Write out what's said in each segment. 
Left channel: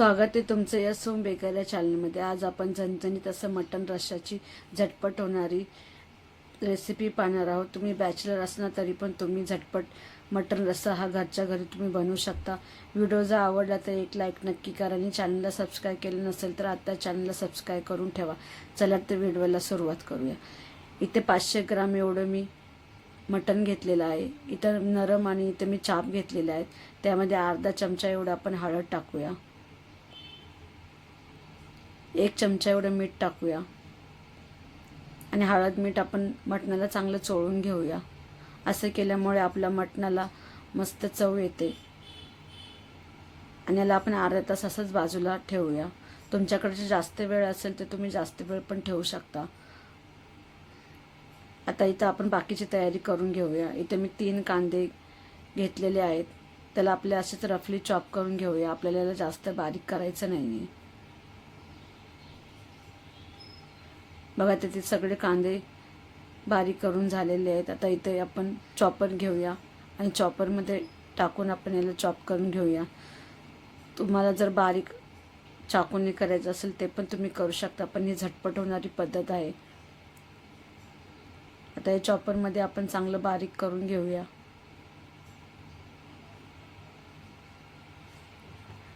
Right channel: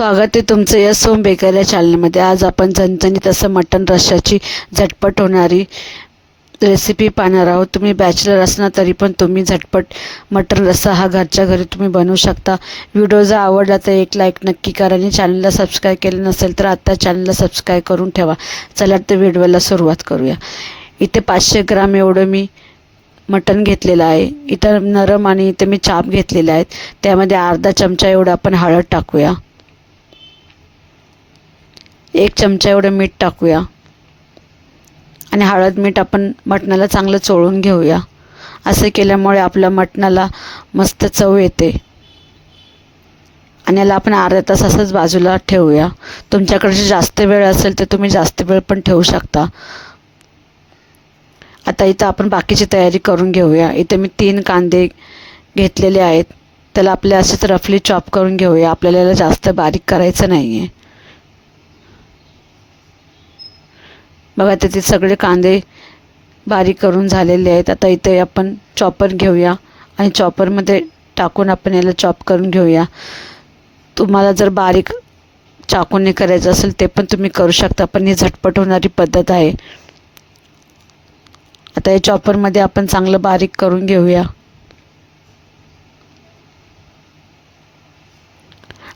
स्वागत आहे तुमचं या सोम बेकर या चॅनलमध्ये आज आपण झणझणीत असं मटण रश्श्याची झटपट होणारी रेसिपी पाहणार आहोत. तुम्ही बॅचलर असणार तरी पण तुम्ही झटपट मटण रस्सा हा घरच्या घरी तुम्ही बनवू शकता. व्हिडिओ जर आवडला तर एक लाईक नक्की करा आणि चॅनलला सबस्क्राईब केलं नसेल तर आत्ता चॅनलला सबस्क्राईब करून ठेवा. चला तर व्हिडिओला सुरुवात करूया. इथे पाचशे ग्राम एवढं मी मटण घेतलेलं आहे. इथं नरम आणि इथे मी चाप घेतलेले आहेत त्यामध्ये अर्धा चमचा एवढं आपण हळद टाकूया. एक चमचा एवढं मीठ टाकूया. आणि हळद मीठ आपण मटणाला चांगलं चोळून घेऊया. असं केल्यामुळे आपल्या मटणाला मस्त चव येते. आणि याला आपण अर्धा तास असंच बाजूला ठेवूया. तुमच्याकडे जास्त वेळ असेल तर तुम्ही जास्त वेळ पण ठेवू शकता. आता इथं आपण बाकीची तयारी करून घेऊया. इथं मी तीन कांदे घेतलेले आहेत. त्याला आपल्या असेच रफली चॉप करून घेऊया. आपल्याला याला जास्त बारीक करायचं नाही आहे बघा तिथे सगळे कांदे बारीक करून झालेले आहेत. आता इथे आपण चॉपर घेऊया आणि चॉपरमध्ये टाकून आपण याला चॉप करून घेऊया. तुम्हाला जर बारीक चाकूने करायचं असेल ते पण तुम्ही करू शकता पण ही झटपट होणारी पद्धत आहे. आता या चॉपरमध्ये आपण चांगलं बारीक करून घेऊया.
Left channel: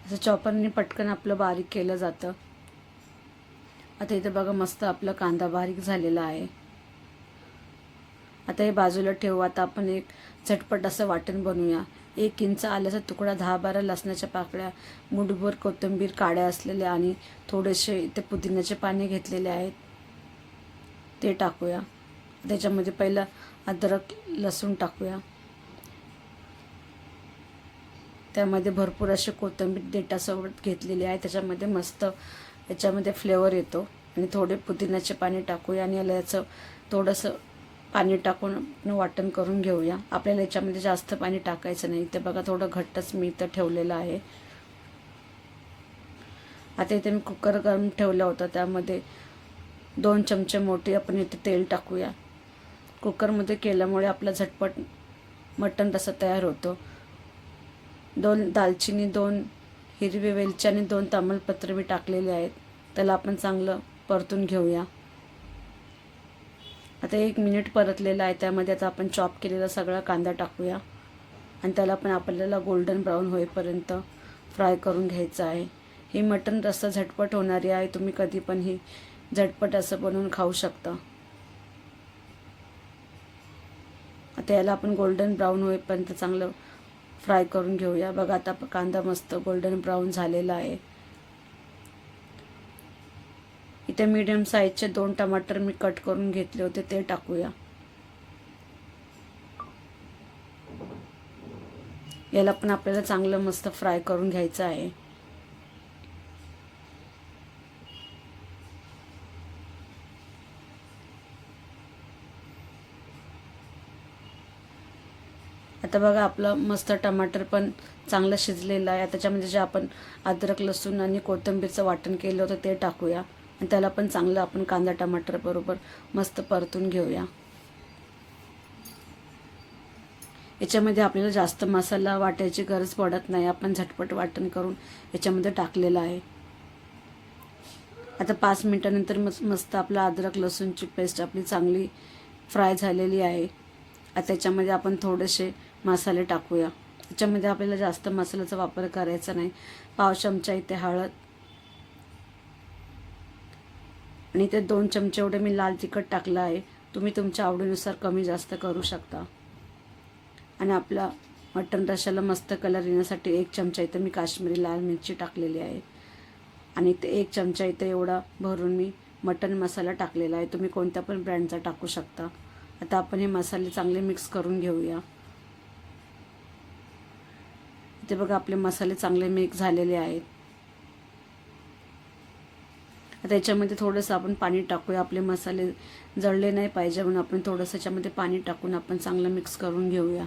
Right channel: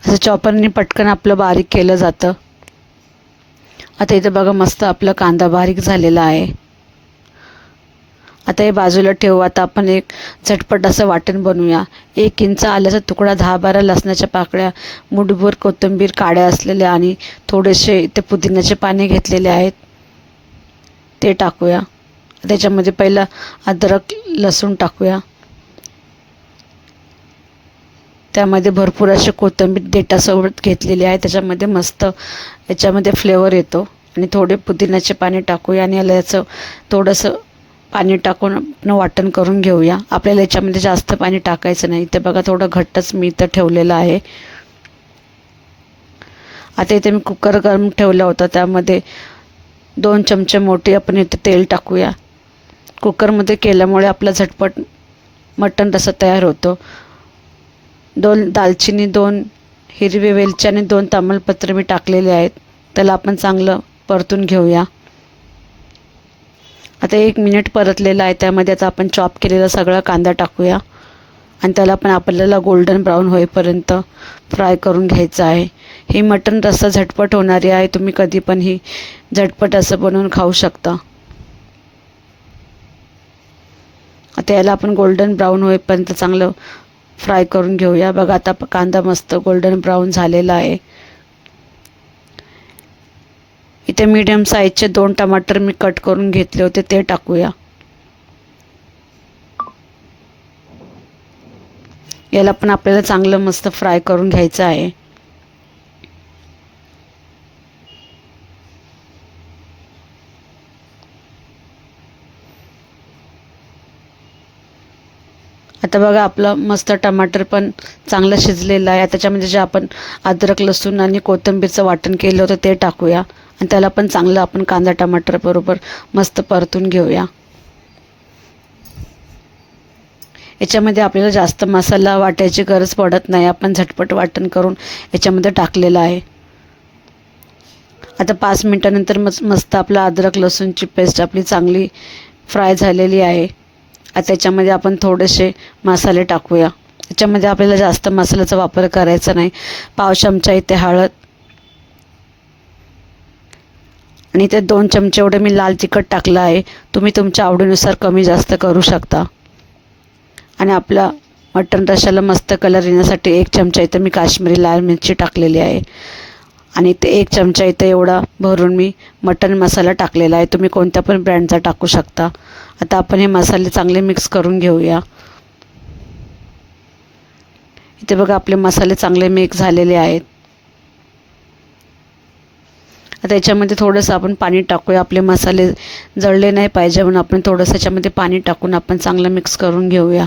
असं चॉपरने पटकन आपलं बारीक केलं जातं. आता इथं बघा मस्त आपला कांदा बारीक झालेला आहे. आता हे बाजूला ठेवू आता आपण एक झटपट असं वाटण बनवूया. एक इंच आल्याचा तुकडा दहा बारा लसणाच्या पाकळ्या मुठभर कोथिंबीर काड्या असलेल्या आणि थोडेसे इथे पुदिन्याचे पाने घेतलेले आहेत. ते टाकूया. त्याच्यामध्ये पहिलं अद्रक लसूण टाकूया. त्यामध्ये भरपूर असे कोथिंबीर देठासोबत घेतलेले आहे. त्याच्यामध्ये मस्त याच्यामध्ये फ्लेवर येतो. आणि थोडे पुदिन्याचे पाणी टाकूया आणि याला याचं थोडंसं पाणी टाकून आपण वाटण करून घेऊया. आपल्याला याच्यामध्ये जास्त पाणी टाकायचं नाही. ते बघा थोडं घट्टच मी इथं ठेवलेलं आहे. आता इथे मी कुकर गरम ठेवला होता. त्यामध्ये दोन चमचे मोठे आपण इथे तेल टाकूया. कुकरमध्ये केल्यामुळे आपला झटपट मटण रसा तयार होतो. दोन दालचिनी दोन हिरवे वेलची आणि दोन तामलपत्र मी टाकलेले आहेत. त्याला आपण चांगलं परतून घेऊया. आता एक मिनिट परतलेलं आहे त्यामध्ये आता आपण चॉप केलेला सगळा कांदा टाकूया. आणि त्याला पण आपल्याला गोल्डन ब्राऊन होईपर्यंत फ्राय करून घ्यायचं आहे. ही मटण रस्सा झटपट होणारी आहे तुम्ही कधी पण ही झटपट असं बनवून खाऊ शकता. आता याला आपण गोल्डन ब्राऊन होईपर्यंत चांगलं फ्राय करून घेऊया. बघा आता कांदा मस्त गोल्डन ब्राऊन झालेला आहे. इथे मीडियम साईजचे दोन टमाटर मी कट करून घेतले होते ते टाकूया. याला पण आपल्याला चांगलं मस्त फ्राय करून घ्यायचं आहे. आता बघा आपलं मस्त टमाटर पण चांगलं शिजलेलं आहे. त्याच्यामध्ये जे आपण अद्रक लसूण आणि कोथिंबीरचं वाटण केलं होतं ते टाकूया. आणि त्याला पण चांगलं आपण कांदा टमाटर बरोबर मस्त परतून घेऊया. याच्यामध्ये आपल्याला जास्त मसाला वाटायची गरज पडत नाही. आपण झटपट वाटण करून याच्यामध्ये टाकलेलं आहे. आता पाच मिनटानंतर मस्त मस्त आपलं अद्रक लसूणची पेस्ट आपली चांगली फ्राय झालेली आहे. आता त्याच्यामध्ये आपण थोडेसे मसाले टाकूया. त्याच्यामध्ये आपल्याला जास्त मसाल्याचा वापर करायचा नाही. पाव चमचा इथे हळद. आणि ते दोन चमचे एवढे मी लाल तिखट टाकलं आहे. तुम्ही तुमच्या आवडीनुसार कमी जास्त करू शकता. आणि आपला मटण रशाला मस्त कलर येण्यासाठी एक चमचा इथं मी काश्मीरी लाल मिरची टाकलेली आहे. आणि ते एक चमचा इथं एवढा भरून मी मटण मसाला टाकलेला आहे. तुम्ही कोणत्या पण ब्रँडचा टाकू शकता. आता आपण हे मसाले चांगले मिक्स करून घेऊया. इथे बघा आपले मसाले चांगले मिक्स झालेले आहेत. आता याच्यामध्ये थोडंसं आपण पाणी टाकूया. आपले मसाले जळले नाही पाहिजे म्हणून आपण थोडंसं याच्यामध्ये पाणी टाकून आपण चांगलं मिक्स करून घेऊया.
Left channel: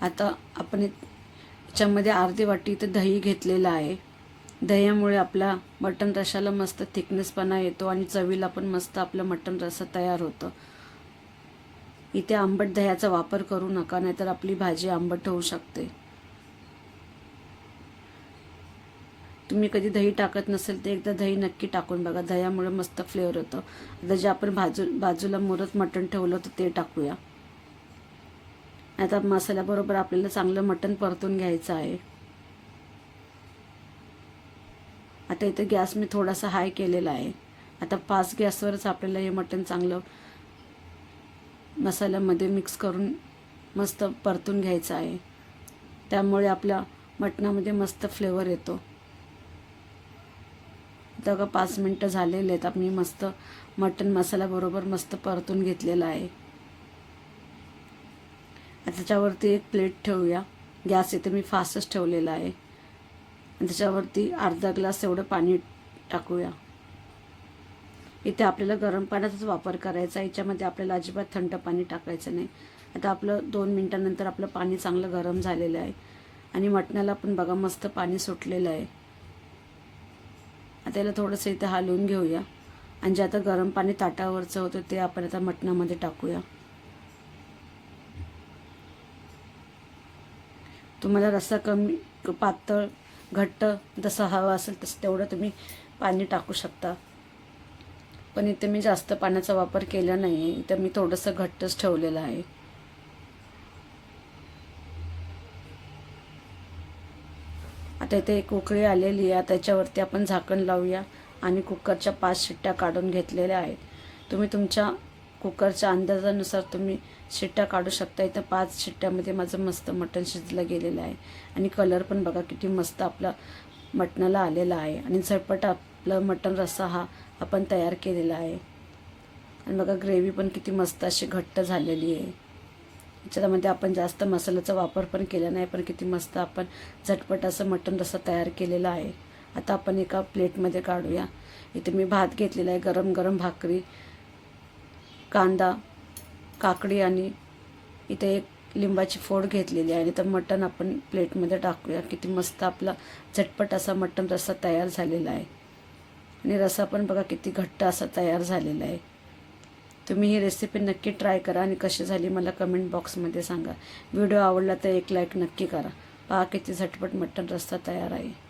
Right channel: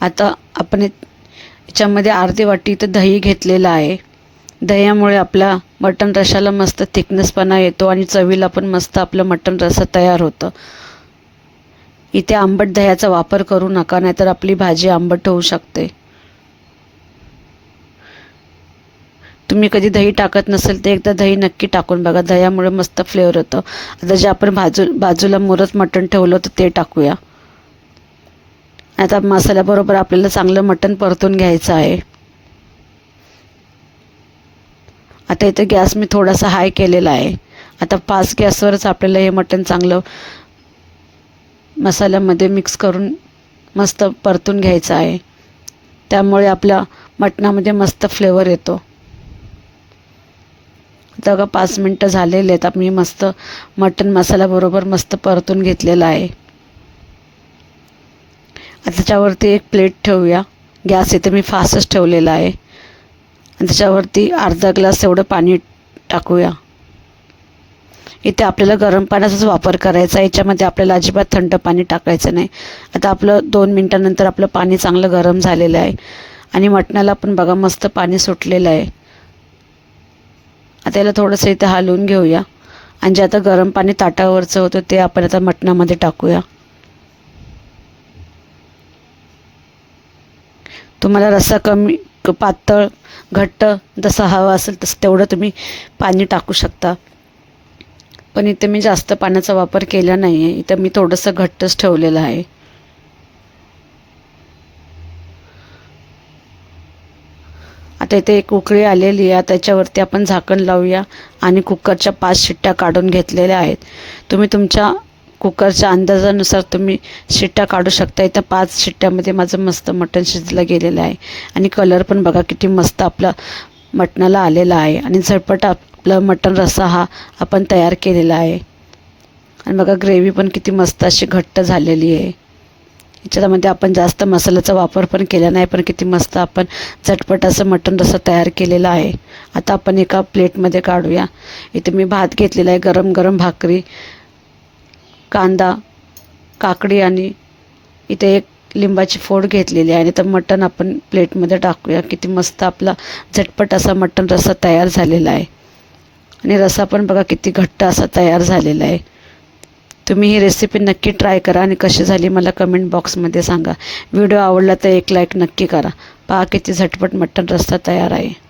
आता आपण याच्यामध्ये अर्धी वाटी इथं दही घेतलेलं आहे. दह्यामुळे आपला मटण रशाला मस्त थिकनेसपणा येतो आणि चवीला पण मस्त आपलं मटण रस्सा तयार होतं. इथे आंबट दह्याचा वापर करू नका नाहीतर आपली भाजी आंबट होऊ शकते. तुम्ही कधी दही टाकत नसेल तर एकदा दही नक्की टाकून बघा. दह्यामुळे मस्त फ्लेवर होतं आता जे आपण बाजू बाजूला मुरत मटण ठेवलं होतं ते टाकूया. आता मसाल्याबरोबर आपल्याला चांगलं मटण परतून घ्यायचं आहे. आता इथं गॅस मी थोडासा हाय केलेला आहे. आता पाच गॅसवरच आपल्याला हे मटण चांगलं मसाल्यामध्ये मिक्स करून मस्त परतून घ्यायचं आहे. त्यामुळे आपल्या मटणामध्ये मस्त फ्लेवर येतो. आता का पाच मिनटं झालेले आहेत. मी मस्त मटण मसाल्याबरोबर मस्त परतून घेतलेलं आहे. त्याच्यावरती एक प्लेट ठेवूया. गॅस इथे मी फास्टच ठेवलेला आहे. आणि त्याच्यावरती अर्धा ग्लास एवढं पाणी टाकूया. इथे आपल्याला गरम पाण्याचाच वापर करायचा आहे. याच्यामध्ये आपल्याला अजिबात थंड पाणी टाकायचं नाही. आता आपलं दोन मिनटानंतर आपलं पाणी चांगलं गरम झालेलं आहे. आणि मटणाला पण बघा मस्त पाणी सुटलेलं आहे. आता याला थोडंसं इथे हलवून घेऊया. आणि जे आता गरम पाणी ताटावरचं होतं ते आपण आता मटणामध्ये टाकूया. तुम्हाला रस्सा कमी क- पातळ घट्ट जसा हवा असेल तसं तेवढं तुम्ही पाणी टाकू शकता. पण इथे मी जास्त पाण्याचा वापर केला नाही आहे इथं मी थोडंसं घट्टच ठेवलेलं आहे. आता इथे एक उकळी आलेली आहे. त्याच्यावरती आपण झाकण लावूया आणि कुकरच्या पाच शिट्ट्या काढून घेतलेल्या आहेत. तुम्ही तुमच्या कुकरच्या अंदाजानुसार तुम्ही शिट्ट्या काढू शकता. इथं पाच शिट्ट्यामध्ये माझं मस्त मटण शिजलं गेलेलं आहे. आणि कलर पण बघा किती मस्त आपला मटणाला आलेला आहे. आणि झटपट आपलं मटण रस्सा हा आपण तयार केलेला आहे. आणि बघा ग्रेव्ही पण किती मस्त अशी घट्ट झालेली आहे. याच्यामध्ये आपण जास्त मसाल्याचा वापर पण केला नाही पण किती मस्त आपण झटपट असं मटण रस्सा तयार केलेला आहे. आता आपण एका प्लेटमध्ये काढूया. इथे मी भात घेतलेला आहे गरम गरम भाकरी. कांदा काकडी आणि इथे एक लिंबाची फोड घेतलेली आहे. आणि तर मटण आपण प्लेटमध्ये टाकूया. किती मस्त आपला झटपट असा मटण रस्सा तयार झालेला आहे. आणि रस्सा पण बघा किती घट्ट असा तयार झालेला आहे. तुम्ही ही रेसिपी नक्की ट्राय करा आणि कशी झाली मला कमेंट बॉक्समध्ये सांगा. व्हिडिओ आवडला तर एक लाईक नक्की करा. पहा किती झटपट मटण रस्सा तयार आहे.